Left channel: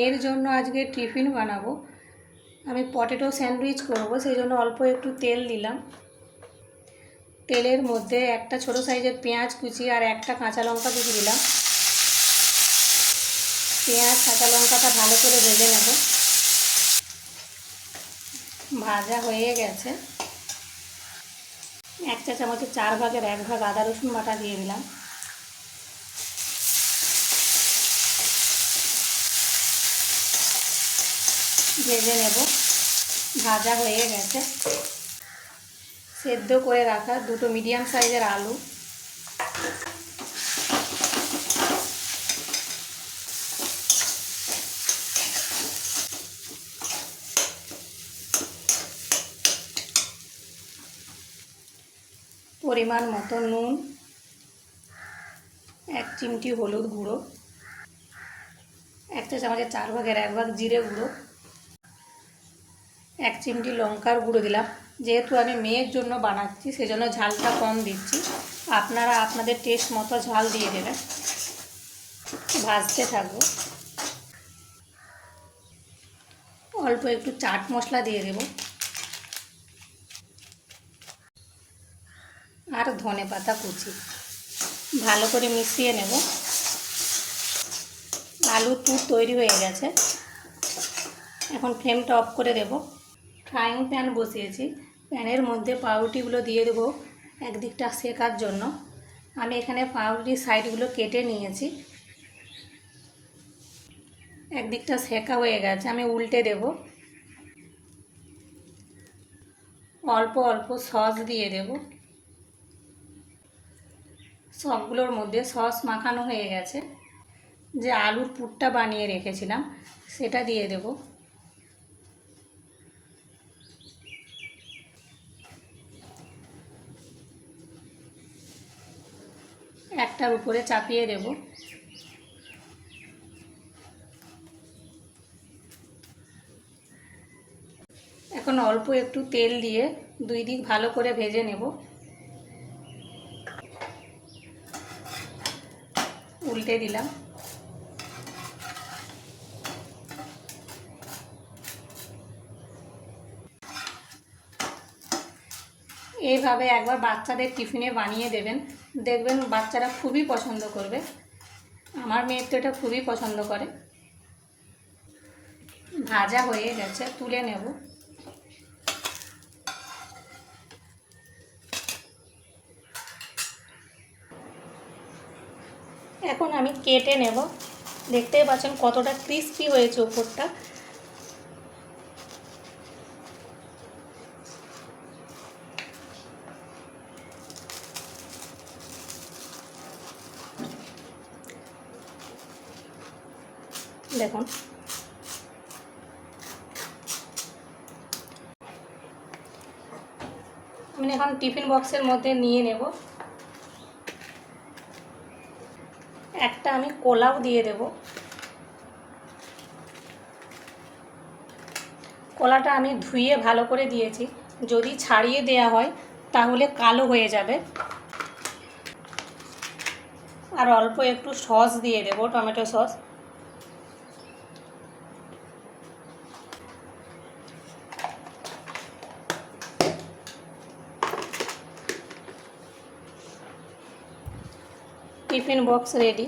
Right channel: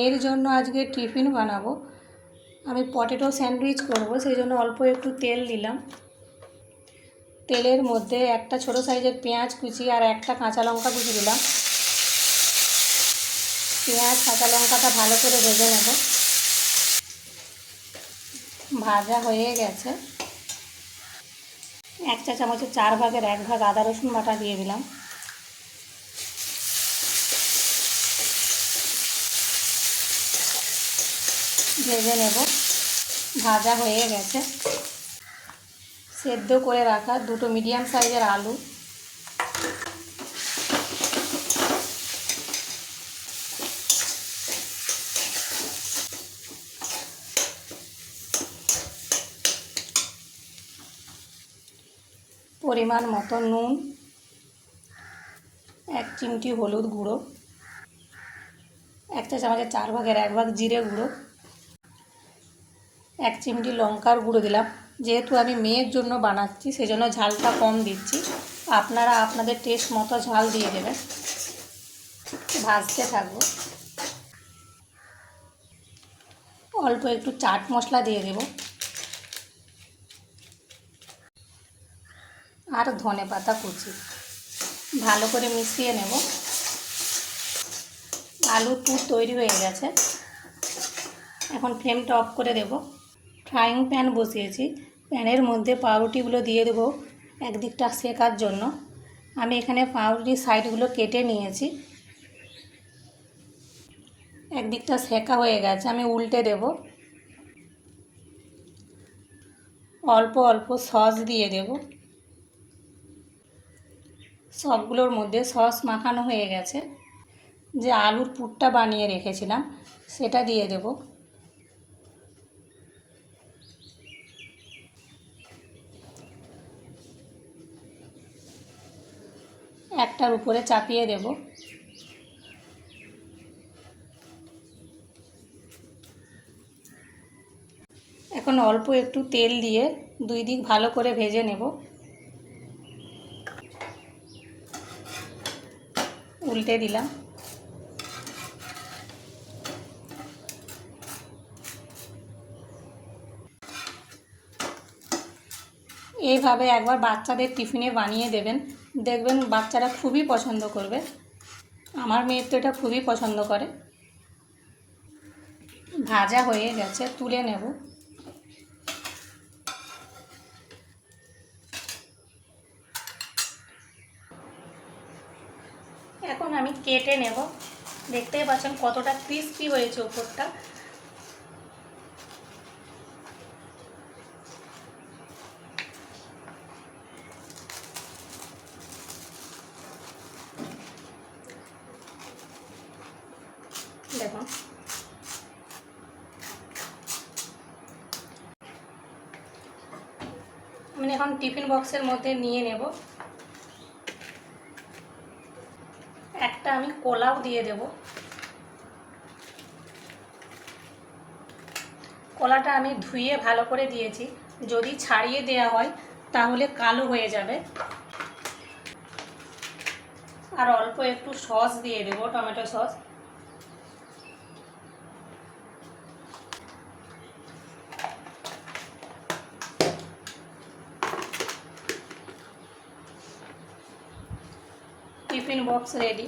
এর জন্য আজকে টিফিন বানাবো। আমি পটেটো স্যান্ডউইচ করব, সেই জন্য অল্প একটু তেল দিলাম। তেলের মধ্যে একটা ছোট সাইজের পেঁয়াজ কুচি আর একটা কাঁচা লঙ্কা কুচি দিলাম। পেঁয়াজ, কাঁচা লঙ্কাটা ভালো করে ভেজে নেব। ভাজা হয়ে গেছে। এক চা চামচের চার ভাগের এক ভাগ আদা রসুন বাটা দিয়ে দিলাম। ভেজে নেব। ভাজা হয়ে গেছে। সেদ্ধ করে রাখা দুটো মিডিয়াম সাইজের আলু। পরিমাণ মতো নুন, এক চিমটি হলুদ গুঁড়ো, একটা চামচের চার ভাগের এক ভাগ জিরে গুঁড়ো এক চিমটি লঙ্কার গুঁড়ো দিলাম। যেহেতু আমি মেয়ের জন্য বানাচ্ছি, সেজন্য ঝালটা কম দিচ্ছি। আপনারা আপনাদের টেস্ট মতো ঝাল দিয়ে দেবেন। ভাজতে থাকব। অল্প একটু চাট মশলা দিয়ে দেব। আর ধনে পাতা কুচি। ভালো করে মিশিয়ে নেব। আলুর পুর তৈরি হয়ে গেছে। এখন ফ্লেমটা অফ করে দেব। ফ্রাইং প্যান বসিয়েছি। প্যানের মধ্যে পাউরুটিগুলো দিয়ে দেবো একদিকটা শেকার জন্য। আমি এখানে পাউরুটির সাইডগুলো কেটে নিয়েছি। একদিকটা সেকা হয়ে গেছে, আমি উল্টে দেব। অল্প অল্প সস দিয়ে দেব। সবগুলোর মধ্যে সস মাখানো হয়ে গেছে। যে আলুর পুরটা বানিয়ে রেখেছিলাম, সেটা দিয়ে দেবো। একটার উপরে চাপিয়ে দেব। এখন অল্প একটু তেল দিয়ে দুই দিক ভালো করে ভেজে নেব। উল্টে দিলাম। এইভাবে একবার বাচ্চাদের টিফিনে বানিয়ে দেবেন। দেখবেন বাচ্চারা খুবই পছন্দ করবে। আমার মেয়ের তো এটা খুবই পছন্দ করে। ভাজা হয়ে গেছে, তুলে নেব। এখন আমি কেটে নেব। দেখতেই পাচ্ছেন কতটা ক্রিস্পি হয়েছে ওপরটা। দেখুন। আমি এখন টিফিন বক্সের মধ্যে নিয়ে নেব। একটা আমি কোলাও দিয়ে দেব। কলাটা আমি ধুয়ে ভালো করে দিয়েছি। যদি ছাড়িয়ে দেয়া হয়, তাহলে কালো হয়ে যাবে। আর অল্প একটু সস দিয়ে দেব, tomato sauce. Tiffin box ready